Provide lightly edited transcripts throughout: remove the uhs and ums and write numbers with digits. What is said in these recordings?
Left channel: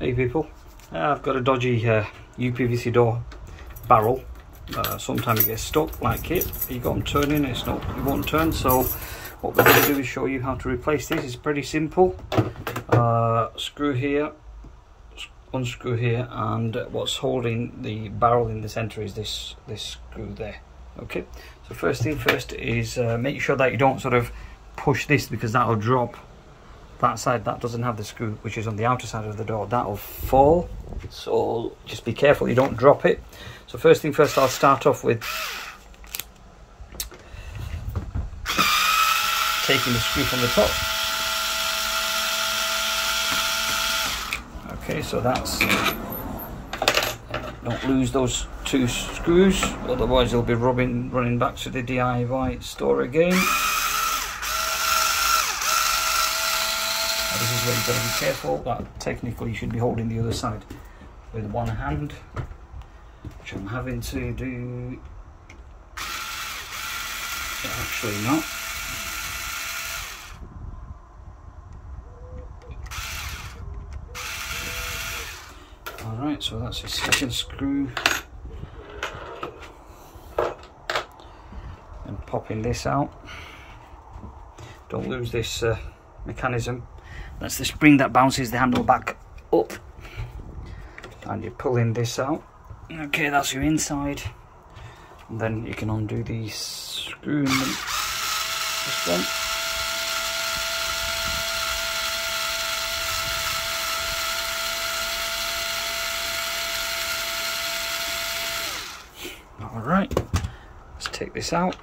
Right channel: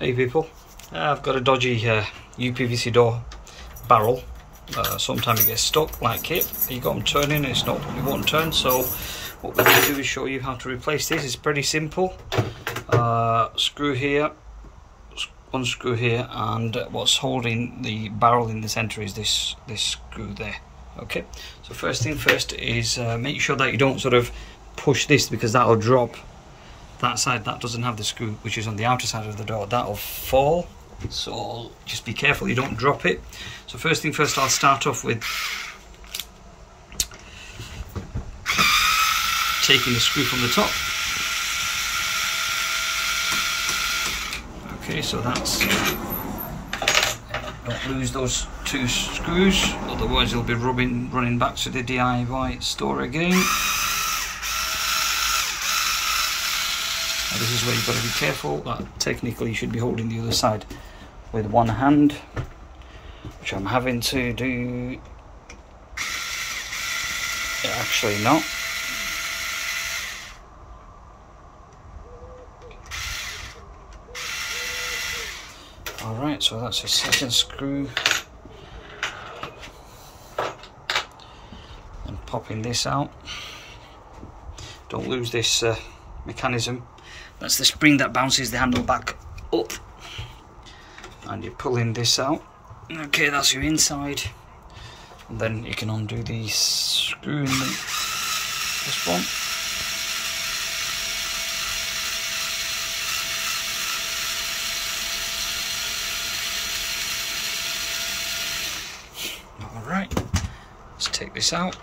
Hey people, I've got a dodgy uPVC door barrel. Sometimes it gets stuck like it. You got them turning, it won't turn. So what we're going to do is show you how to replace this. It's pretty simple. Screw here, unscrew here, and what's holding the barrel in the center is this screw there. Okay, so first thing first is make sure that you don't sort of push this, because that'll drop. That side that doesn't have the screw, which is on the outer side of the door, that'll fall, so just be careful you don't drop it. So first thing first, I'll start off with taking the screw from the top. Okay, so that's, don't lose those two screws, otherwise you'll be running back to the DIY store again. Now this is where you've got to be careful that technically you should be holding the other side with one hand, which I'm having to do. Actually not. Alright, so that's a second screw. And popping this out. Don't lose this mechanism. That's the spring that bounces the handle back up. And you're pulling this out. Okay, that's your inside. And then you can undo the screw in this one. Alright, let's take this out.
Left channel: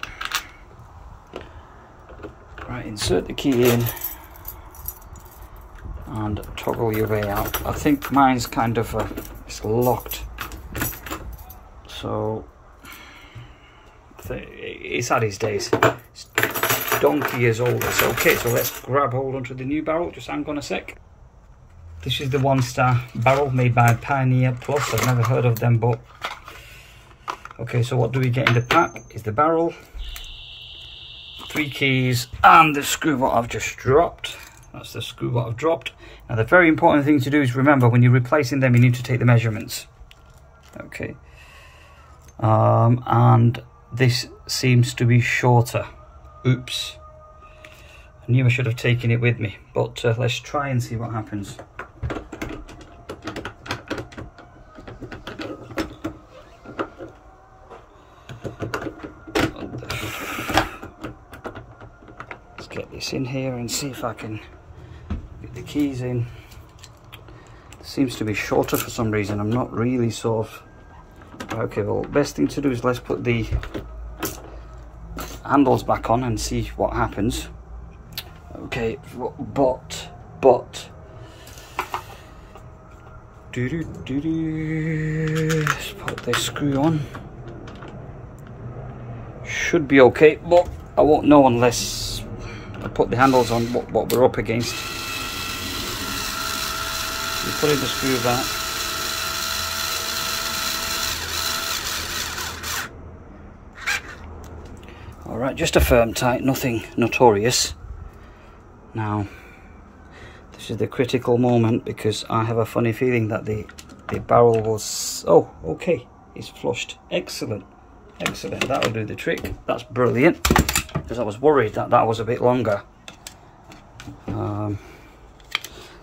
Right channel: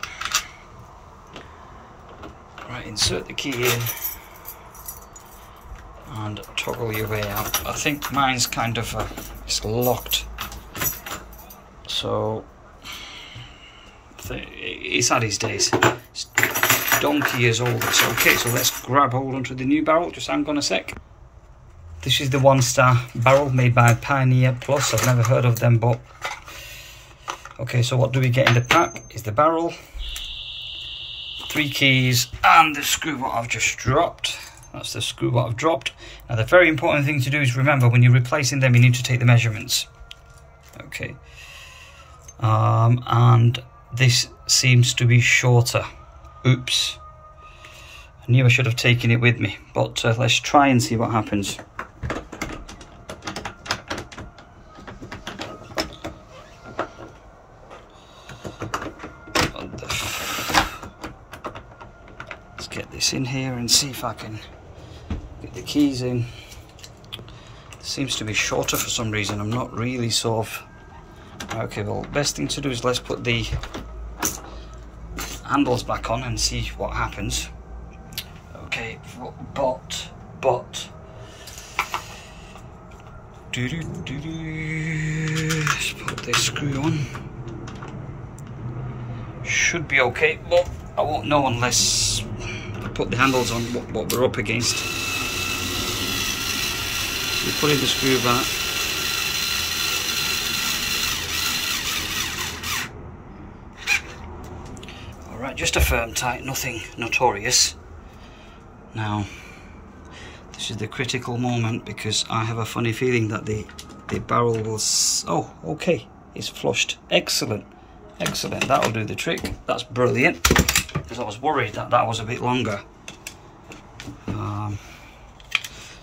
Right, insert the key in and toggle your way out. I think mine's kind of it's locked, so it's had its days. It's donkey years old. It's okay, so let's grab hold onto the new barrel. Just hang on a sec. This is the 1-star barrel made by Pioneer Plus. I've never heard of them, but okay, so what do we get in the pack is the barrel, 3 keys, and the screw what I've just dropped. That's the screw what I've dropped. Now the very important thing to do is remember, when you're replacing them, you need to take the measurements. Okay. And this seems to be shorter. Oops. I knew I should have taken it with me, but let's try and see what happens. Let's get this in here and see if I can get the keys in. It seems to be shorter for some reason. I'm not really sort of... Okay, well, best thing to do is let's put the handles back on and see what happens. Okay, but let's put this screw on. Should be okay, but I won't know unless I put the handles on what we're up against. You put in the screw back. Alright, just a firm tight, nothing notorious. Now, this is the critical moment, because I have a funny feeling that the barrel will... Oh, okay, it's flushed. Excellent, excellent, that'll do the trick. That's brilliant, because I was worried that was a bit longer.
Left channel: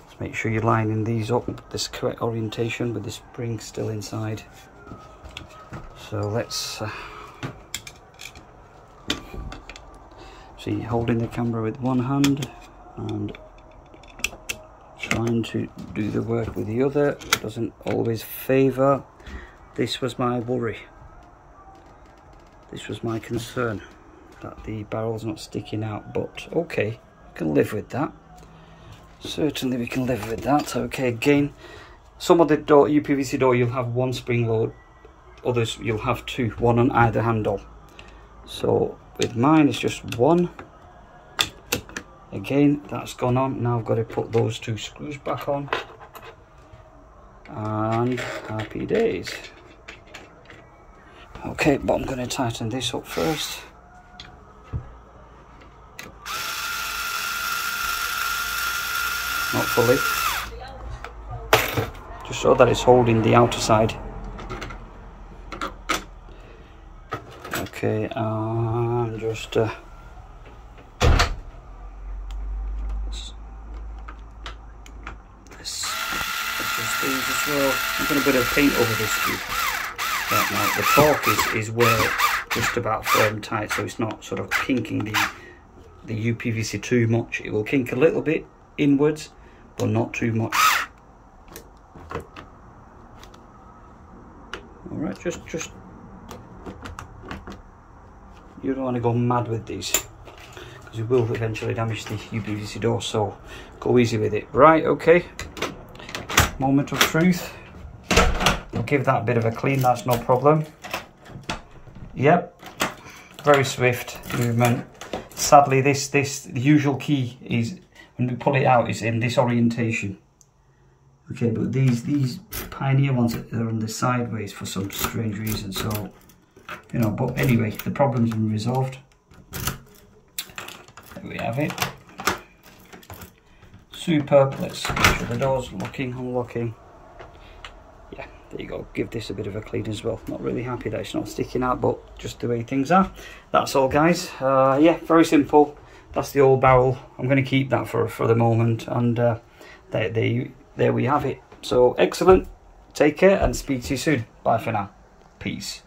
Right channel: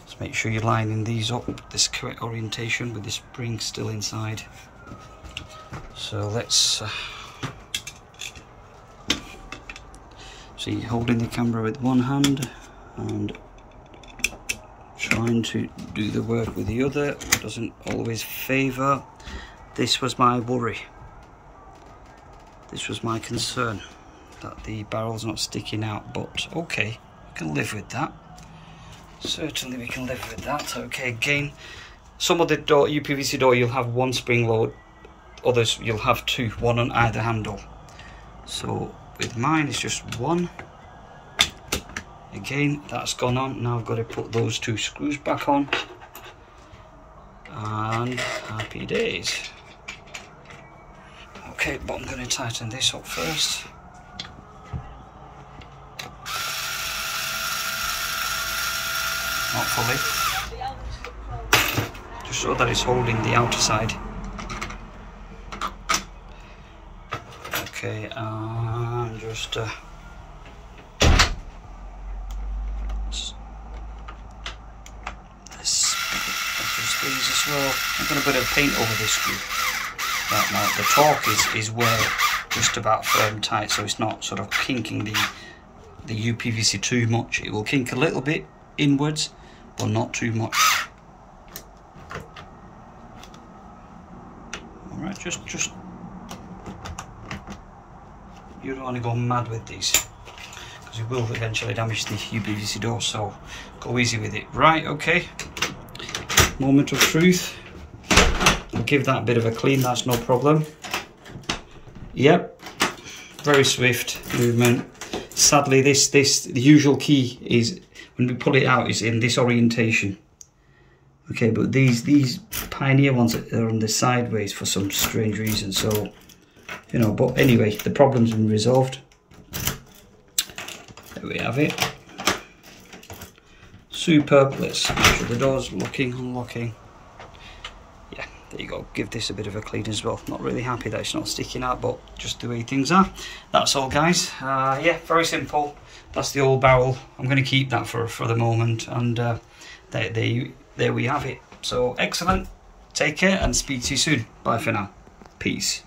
Let's make sure you're lining these up this correct orientation with the spring still inside. So let's so you're holding the camera with one hand and trying to do the work with the other. Doesn't always favour. This was my worry. This was my concern, that the barrel's not sticking out, but okay, we can live with that. Certainly we can live with that. Okay, again, some of the uPVC door you'll have one spring load, others you'll have 2, one on either handle. So with mine it's just one. Again, that's gone on. Now I've got to put those 2 screws back on, and happy days. Okay, but I'm going to tighten this up first. Not fully. just so that it's holding the outer side. Okay, and just adjust these as well. I'm going to put a bit of paint over this screw. Right now, the torque is well just about firm tight, so it's not sort of kinking the uPVC too much. It will kink a little bit inwards, but not too much. All right, just you don't want to go mad with these because you will eventually damage the uPVC door, so go easy with it. Right, okay, moment of truth. I'll give that a bit of a clean, that's no problem. Yep, very swift movement. Sadly, the usual key is when we pull it out is in this orientation. Okay, but these Pioneer ones are on the sideways for some strange reason, so you know, but anyway, the problem's been resolved. There we have it. Superb. Let's make sure the door's locking, unlocking. Yeah, there you go. Give this a bit of a clean as well. Not really happy that it's not sticking out, but just the way things are. That's all, guys. Yeah, very simple. That's the old barrel. I'm going to keep that for the moment, and there we have it. So excellent. Take care and speak to you soon. Bye for now. Peace.